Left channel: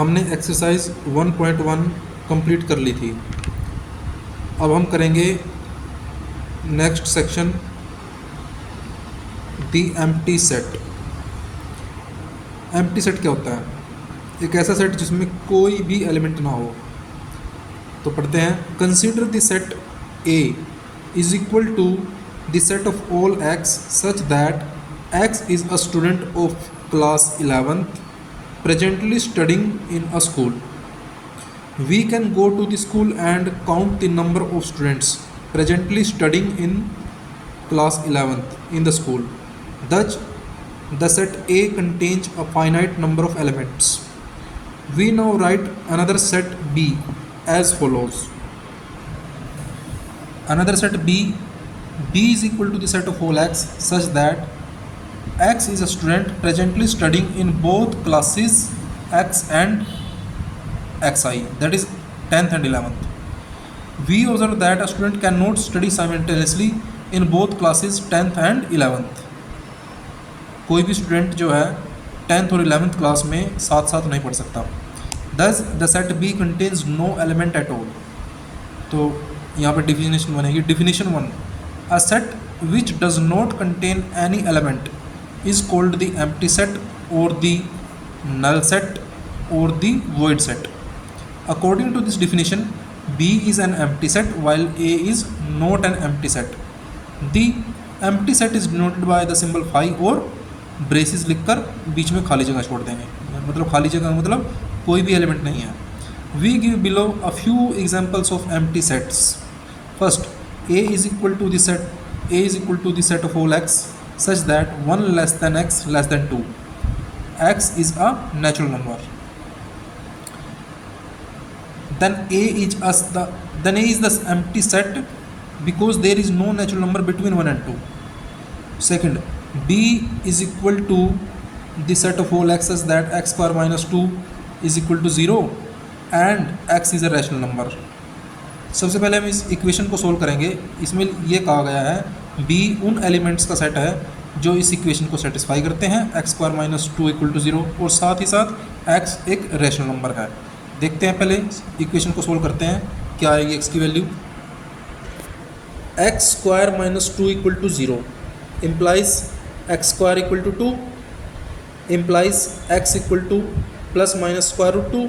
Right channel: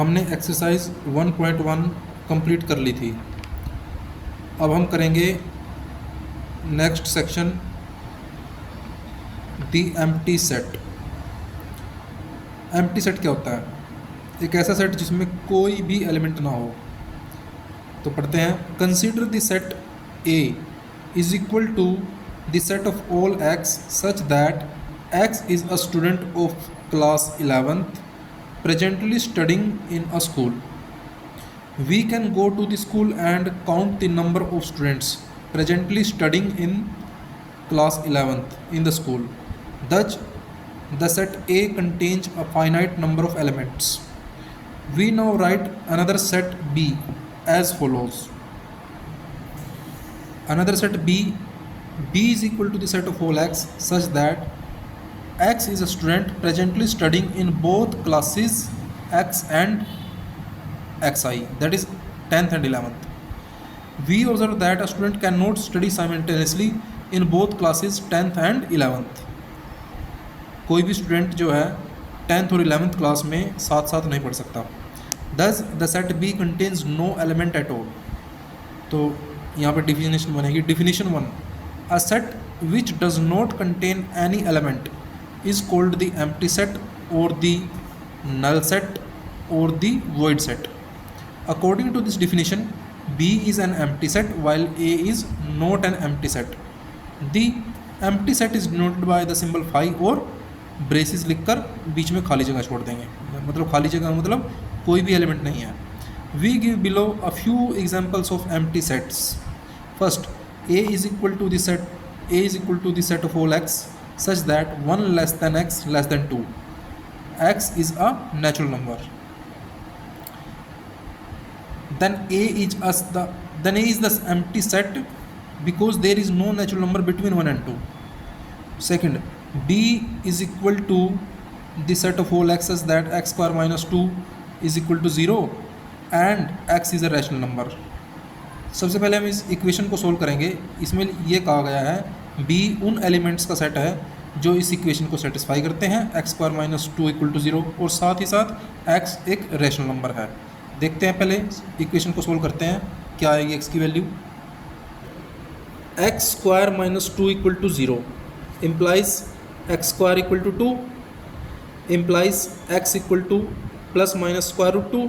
हमने exercise 1.1 complete कर ली थी। अब हम करेंगे नेक्स्ट सेक्शन, दी एम्प्टी सेट। एम्प्टी सेट क्या होता है? एक ऐसा सेट जिसमें कोई भी एलिमेंट ना हो। तो पढ़ते हैं, consider the set A is equal to the set of all X such that X is a student of class 11th presently studying in a school. We can go to the school and count the number of students presently studying in class 11th in the school. Thus, the set A contains a finite number of elements. We now write another set B as follows. Another set B is equal to the set of all x such that x is a student presently studying in both classes x and xi, that is 10th and 11th. We observe that a student cannot study simultaneously in both classes 10th and 11th. कोई भी student जो है 10th और 11th class में साथ साथ नहीं पढ़ सकता. Thus the set B contains no element at all. तो यहाँ पर डिफिनेशन बनेगी. Definition 1, a set which does not contain any element is called the empty set or the null set or the void set. According to this definition, B is an empty set while A is not an empty set. The empty set is denoted by the symbol phi और braces लिखकर बीच में खाली जगह छोड़ देंगे. मतलब खाली जगह मतलब कोई भी एलिमेंट नहीं है. We give below a few examples of empty sets. First, A is equal to the set of all x such that 1 less than x less than 2. X is a natural number. Then A is the empty set because there is no natural number between 1 and 2. Second, B is equal to the set of all x such that x square minus 2 is equal to 0 and x is a rational number. सबसे पहले हम इस equation को solve करेंगे. इसमें ये कहा गया है B उन एलिमेंट्स का सेट है जो इस इक्वेशन को सेटिस्फाई करते हैं, X square minus 2 equal to 0, और साथ ही साथ x एक रेशनल नंबर है. देखते हैं, पहले इक्वेशन को सोल्व करते हैं. क्या आएगी x की value? X square minus 2 equal to 0 implies X square equal to 2 implies x equal to plus minus square root 2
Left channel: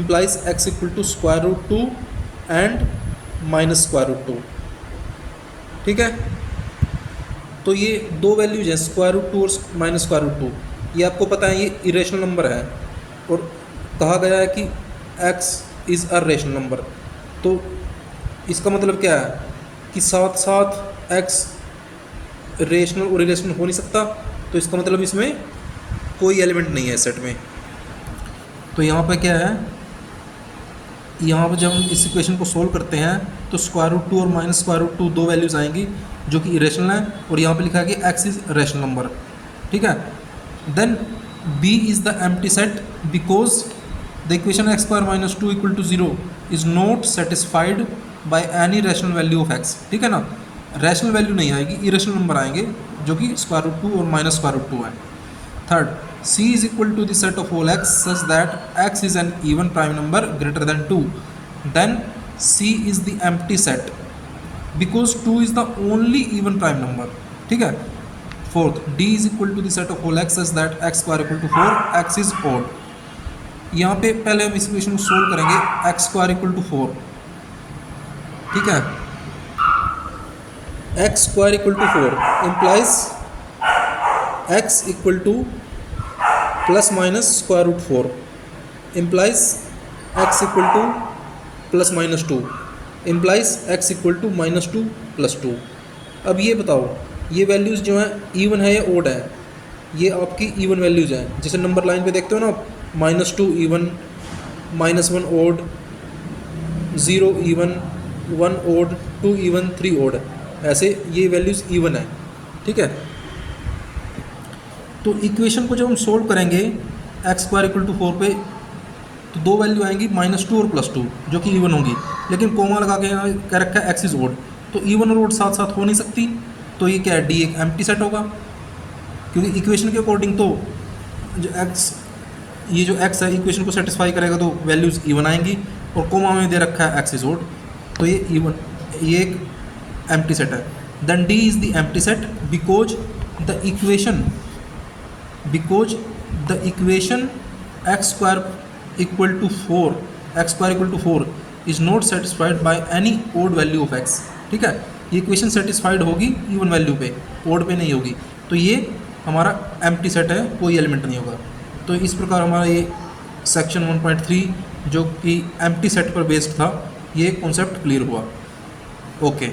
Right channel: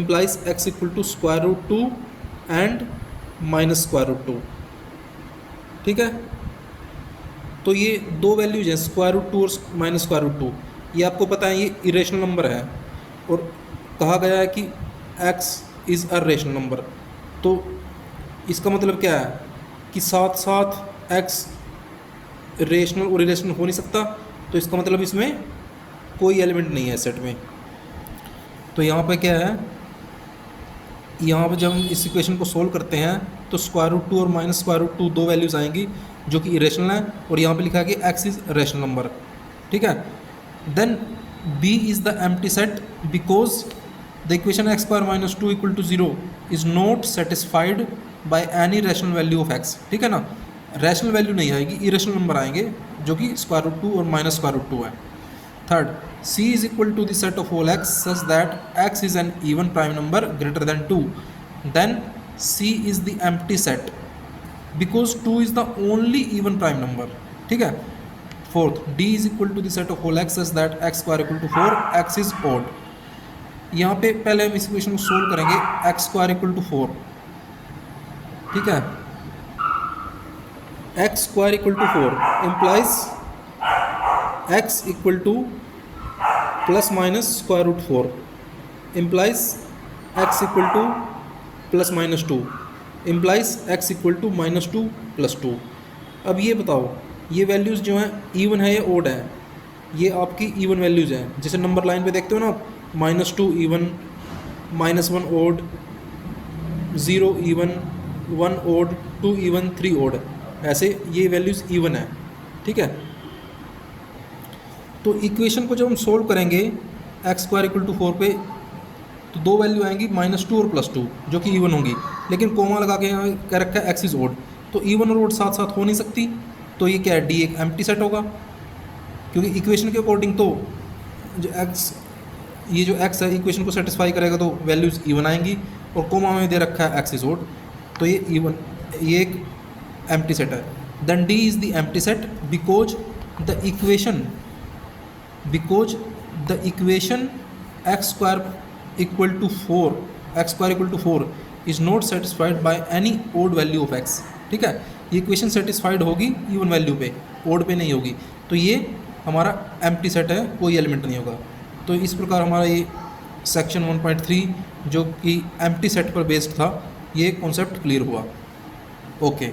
implies x equal to square root 2 and minus square root 2. ठीक है, तो ये दो वैल्यूज है, square root 2 और minus square root 2. ये आपको पता है ये इरेशनल नंबर है और कहा गया है कि x is a rational number. तो इसका मतलब क्या है कि साथ साथ x रेशनल और इरेशनल हो नहीं सकता. तो इसका मतलब इसमें कोई एलिमेंट नहीं है सेट में. तो यहाँ पे क्या है, यहाँ पर जब हम इस इक्वेशन को सोल्व करते हैं तो स्क्वायर रूट 2 और माइनस स्क्वायर रूट 2 दो वैल्यूज़ आएंगी जो कि इरेशनल है, और यहाँ पे लिखा है कि x इज रेशनल नंबर. ठीक है, then B is the empty set because the equation x square minus 2 equal to 0 is not satisfied by any rational value of x. ठीक है ना, रेशनल वैल्यू नहीं आएगी, इरेशनल नंबर आएंगे जो कि स्क्वायर रूट 2 और माइनस स्क्वायर रूट 2 है. Third, C is equal to the set of all x such that x is an even prime number greater than 2. Then C is the empty set because 2 is the only even prime number. ठीक है. Fourth, D is equal to the set of all x such that x square equal to 4, x is odd. यहाँ पे पहले हम इस equation को solve करेंगे. x square equal to 4. ठीक है, x square equal to 4 implies x equal to plus minus square root 4 implies x equal to plus minus 2 implies x equal to minus 2 plus 2. अब ये बताओ, ये वैल्यूज़ जो हैं इवन है या ओड है? ये आपकी इवन वैल्यूज़ हैं. जैसे नंबर लाइन पे देखते हो ना आप, minus 2 even, minus 1 odd, 0 even, 1 odd, 2 even, 3 odd, ऐसे ये वैल्यूज़ इवन है. ठीक है, तो इक्वेशन को जब हम सोल्व करेंगे एक्स स्क्वायर इक्वल टू 4 पे, तो दो वैल्यू आएंगी माइनस 2 और प्लस 2 जो कि इवन होंगी, लेकिन कॉमा लगा के यहाँ कह रखा है एक्स इज ओड. तो इवन और ओड साथ साथ हो नहीं सकती. तो ये क्या है, डी एक एम्प्टी सेट होगा, क्योंकि इक्वेशन के अकॉर्डिंग तो जो एक्स ये जो x है इक्वेशन को सेटिस्फाई करेगा तो वैल्यूज इवन आएंगी, और कोमा में दे रखा है x इज ओड, तो ये इवन, ये एक एम्प्टी सेट है। Then D is the empty set because the equation x square equal to 4 is not satisfied by any odd value of x। ठीक है, ये इक्वेशन सेटिस्फाइड होगी इवन वैल्यू पे, ओड पे नहीं होगी, तो ये हमारा एम्प्टी सेट है, कोई एलिमेंट नहीं होगा। तो इस प्रकार हमारा ये सेक्शन 1.3 जो कि एम्प्टी सेट पर बेस्ड था, ये कॉन्सेप्ट क्लियर हुआ। ओके।